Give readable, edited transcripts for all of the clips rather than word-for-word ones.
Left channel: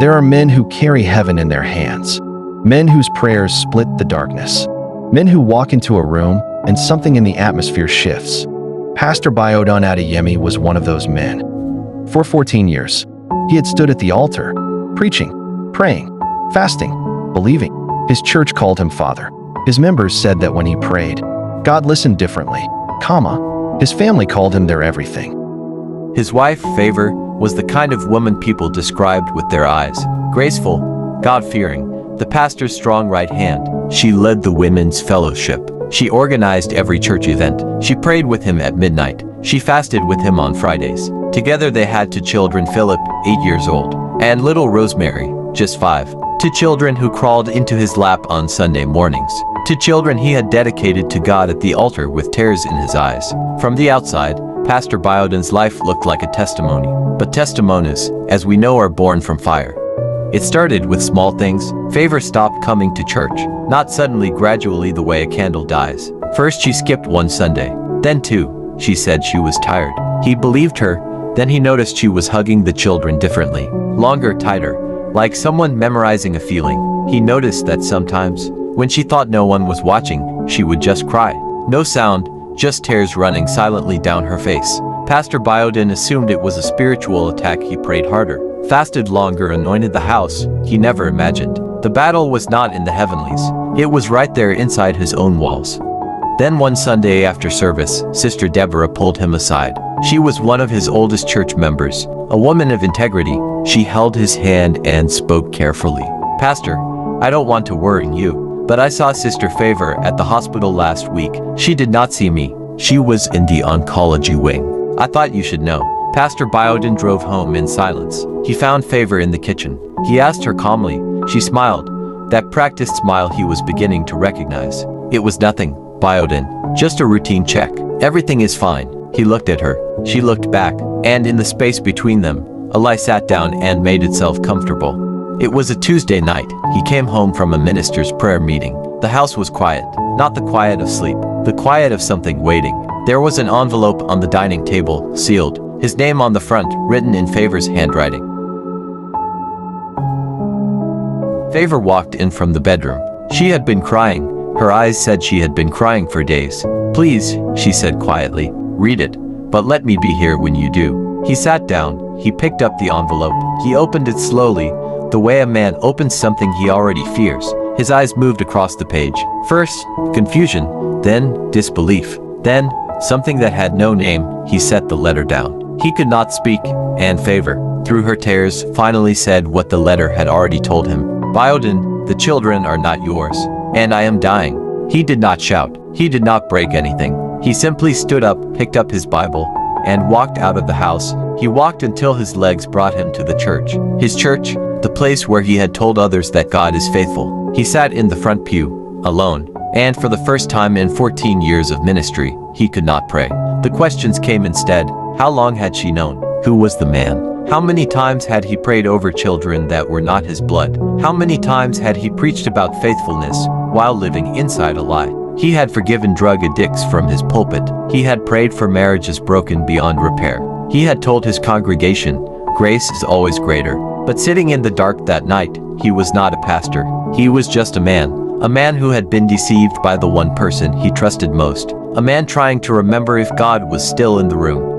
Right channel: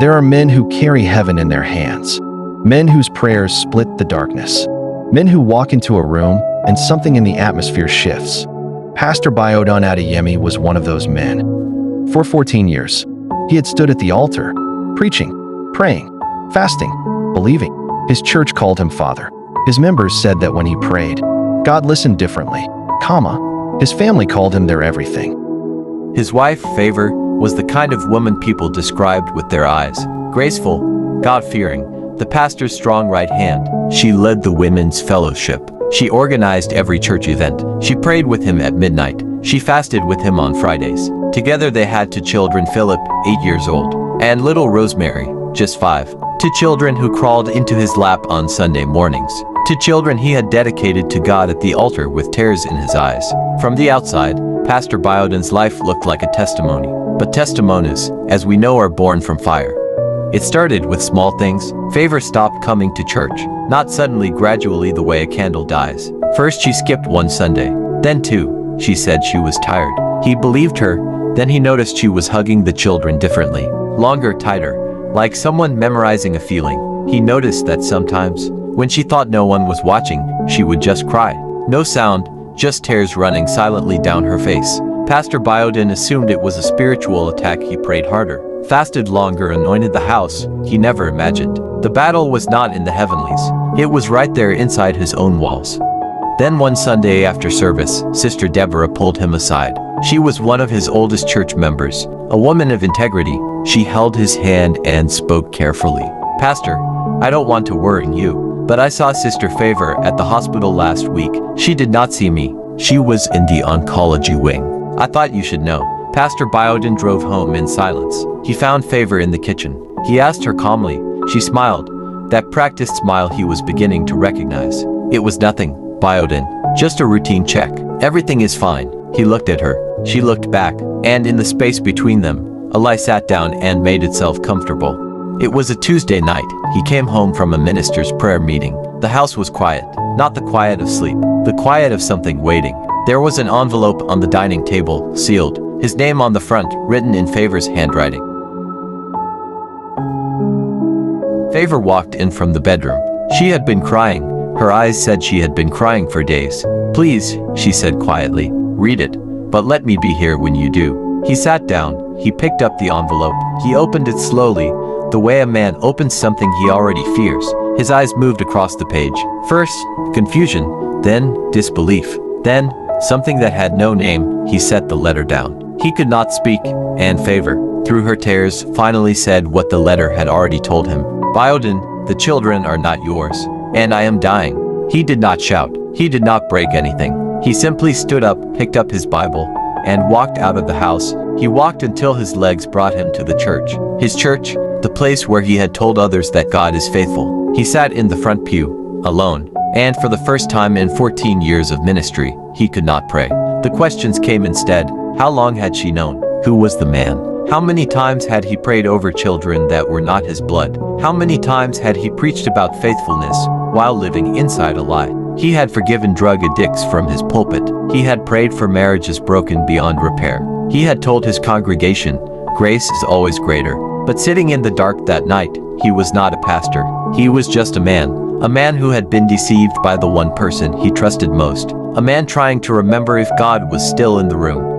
There are men who carry heaven in their hands, men whose prayers split the darkness, men who walk into a room and something in the atmosphere shifts. Pastor Biodun Adeyemi was one of those men. For 14 years, he had stood at the altar, preaching, praying, fasting, believing. His church called him Father. His members said that when he prayed, God listened differently, his family called him their everything. His wife, Favor, was the kind of woman people described with their eyes. Graceful, God-fearing, the pastor's strong right hand. She led the women's fellowship. She organized every church event. She prayed with him at midnight. She fasted with him on Fridays. Together they had 2 children, Philip, 8 years old, and little Rosemary, just 5. 2 children who crawled into his lap on Sunday mornings. 2 children he had dedicated to God at the altar with tears in his eyes. From the outside, Pastor Biodun's life looked like a testimony. But testimonies, as we know, are born from fire. It started with small things. Favor stopped coming to church, not suddenly, gradually, the way a candle dies. First she skipped 1 Sunday, then 2. She said she was tired. He believed her. Then he noticed she was hugging the children differently, longer, tighter, like someone memorizing a feeling. He noticed that sometimes, when she thought no one was watching, she would just cry. No sound, just tears running silently down her face. Pastor Biodun assumed it was a spiritual attack. He prayed harder, fasted longer, anointed the house. He never imagined the battle was not in the heavenlies. It was right there inside his own walls. Then one Sunday after service, Sister Deborah pulled him aside. She was one of his oldest church members, a woman of integrity. She held his hand and spoke carefully. "Pastor, I don't want to worry you, but I saw Sister Favor at the hospital last week. She did not see me. She was in the oncology wing. I thought you should know." Pastor Biodun drove home in silence. He found Favor in the kitchen. He asked her calmly. She smiled, that practiced smile he was beginning to recognize. "It was nothing, Biodun. Just a routine check. Everything is fine." He looked at her. She looked back, and in the space between them, a lie sat down and made itself comfortable. It was a Tuesday night. He came home from a minister's prayer meeting. The house was quiet, not the quiet of sleep, the quiet of something waiting. There was an envelope on the dining table, sealed, his name on the front, written in Favor's handwriting. Favor walked in from the bedroom. She had been crying. Her eyes said she had been crying for days. "Please," she said quietly, "read it, but let me be here when you do." He sat down. He picked up the envelope. He opened it slowly, the way a man opens something he already fears. His eyes moved across the page. First, confusion, then disbelief, then something that had no name. He set the letter down. He could not speak, and Favor, through her tears, finally said what the letter had already told him. "Biodun, the children are not yours, and I am dying." He did not shout. He did not break anything. He simply stood up, picked up his Bible, and walked out of the house. He walked until his legs brought him to the church. His church, the place where he had told others that God is faithful. He sat in the front pew, alone, and for the first time in 14 years of ministry, he could not pray. The questions came instead. How long had she known? Who was the man? How many times had he prayed over children that were not his blood? How many times had he preached about faithfulness while living inside a lie? He had forgiven drug addicts from his pulpit. He had prayed for marriages broken beyond repair. He had told his congregation, "Grace is always greater." But sitting in the dark that night, he was not a pastor. He was just a man who had been deceived by the one person he trusted most, a man trying to remember if God was still in the room.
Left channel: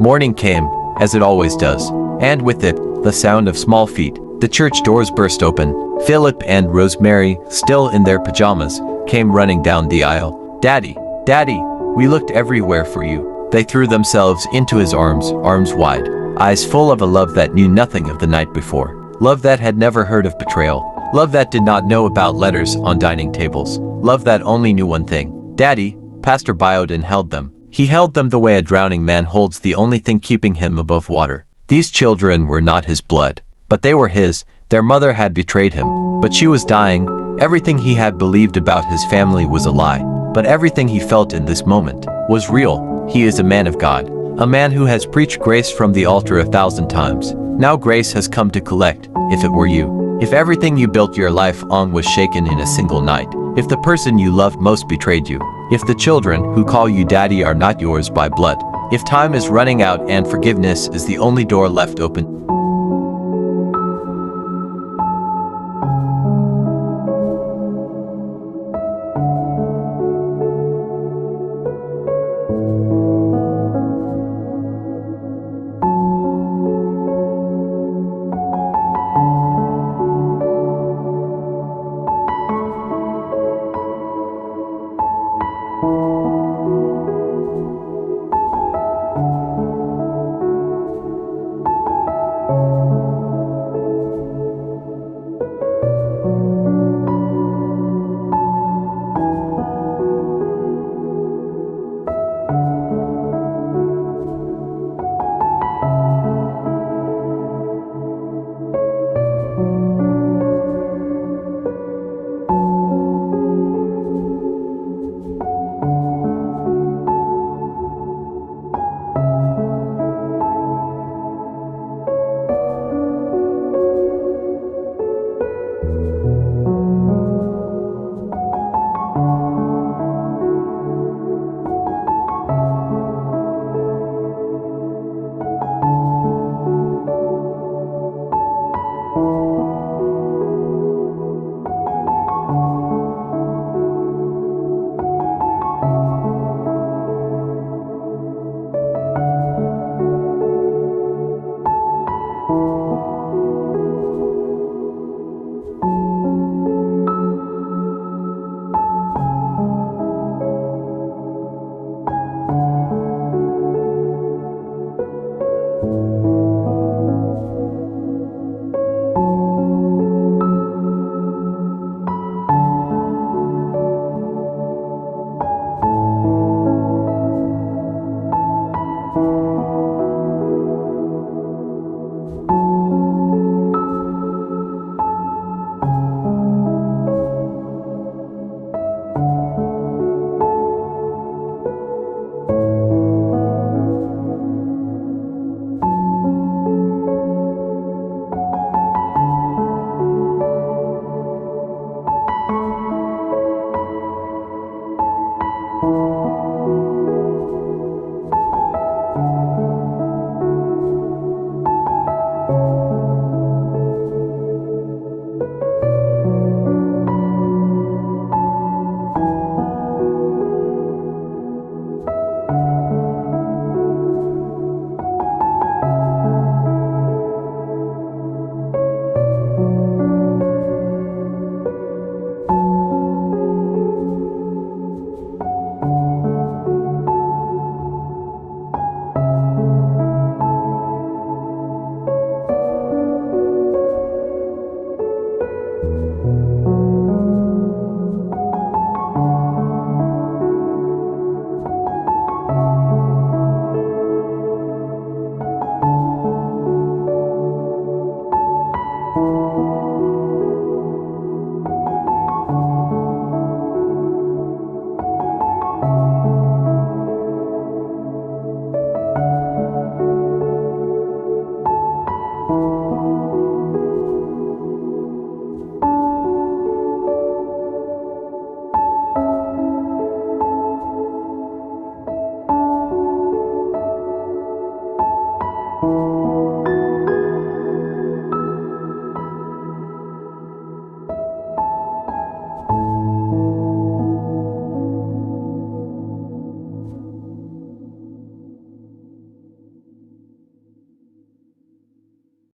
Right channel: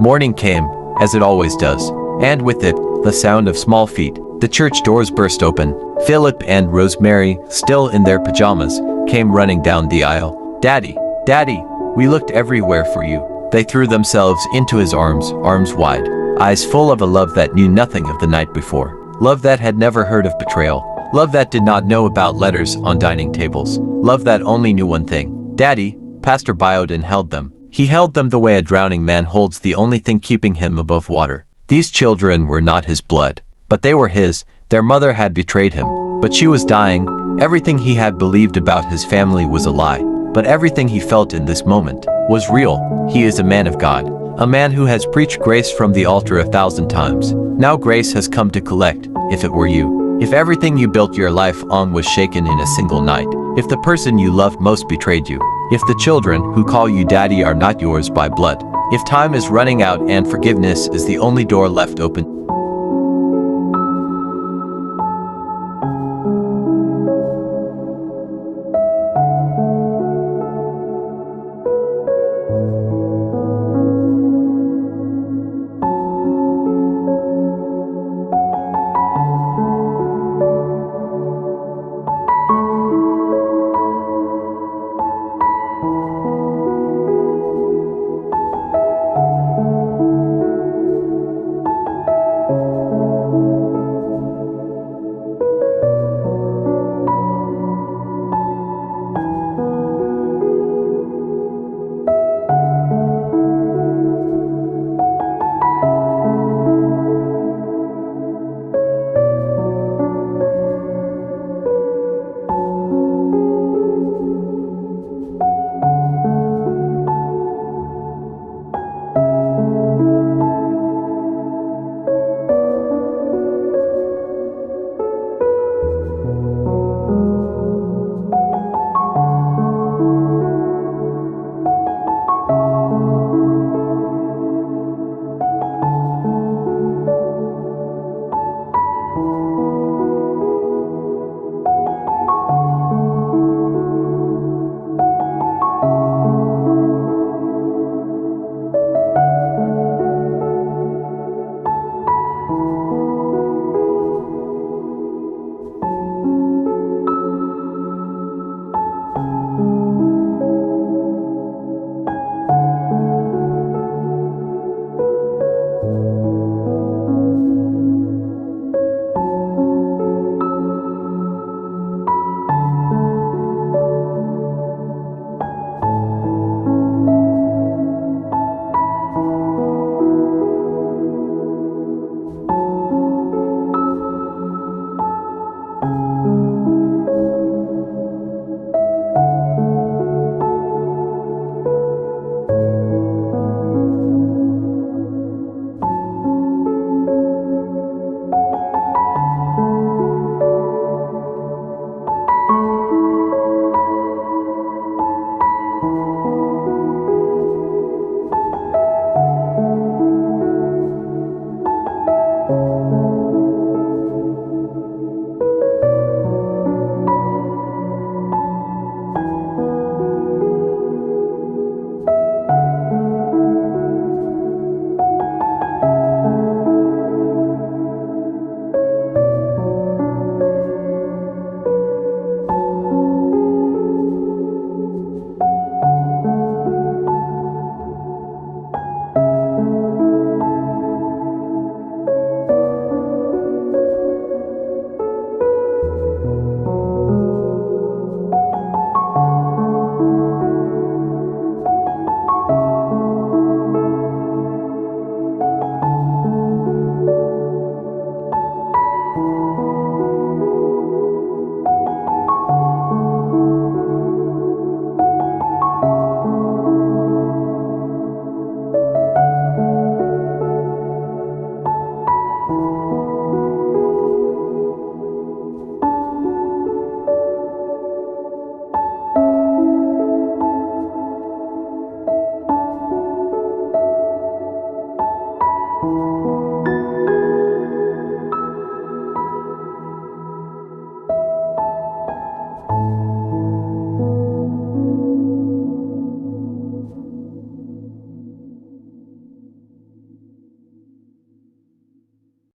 Morning came, as it always does, and with it, the sound of small feet. The church doors burst open. Philip and Rosemary, still in their pajamas, came running down the aisle. "Daddy, Daddy, we looked everywhere for you." They threw themselves into his arms, arms wide, eyes full of a love that knew nothing of the night before. Love that had never heard of betrayal. Love that did not know about letters on dining tables. Love that only knew one thing. "Daddy." Pastor Biodun held them. He held them the way a drowning man holds the only thing keeping him above water. These children were not his blood, but they were his. Their mother had betrayed him, but she was dying. Everything he had believed about his family was a lie, but everything he felt in this moment was real. He is a man of God, a man who has preached grace from the altar 1,000 times. Now grace has come to collect. If it were you, if everything you built your life on was shaken in a single night, if the person you loved most betrayed you, if the children who call you daddy are not yours by blood, if time is running out and forgiveness is the only door left open.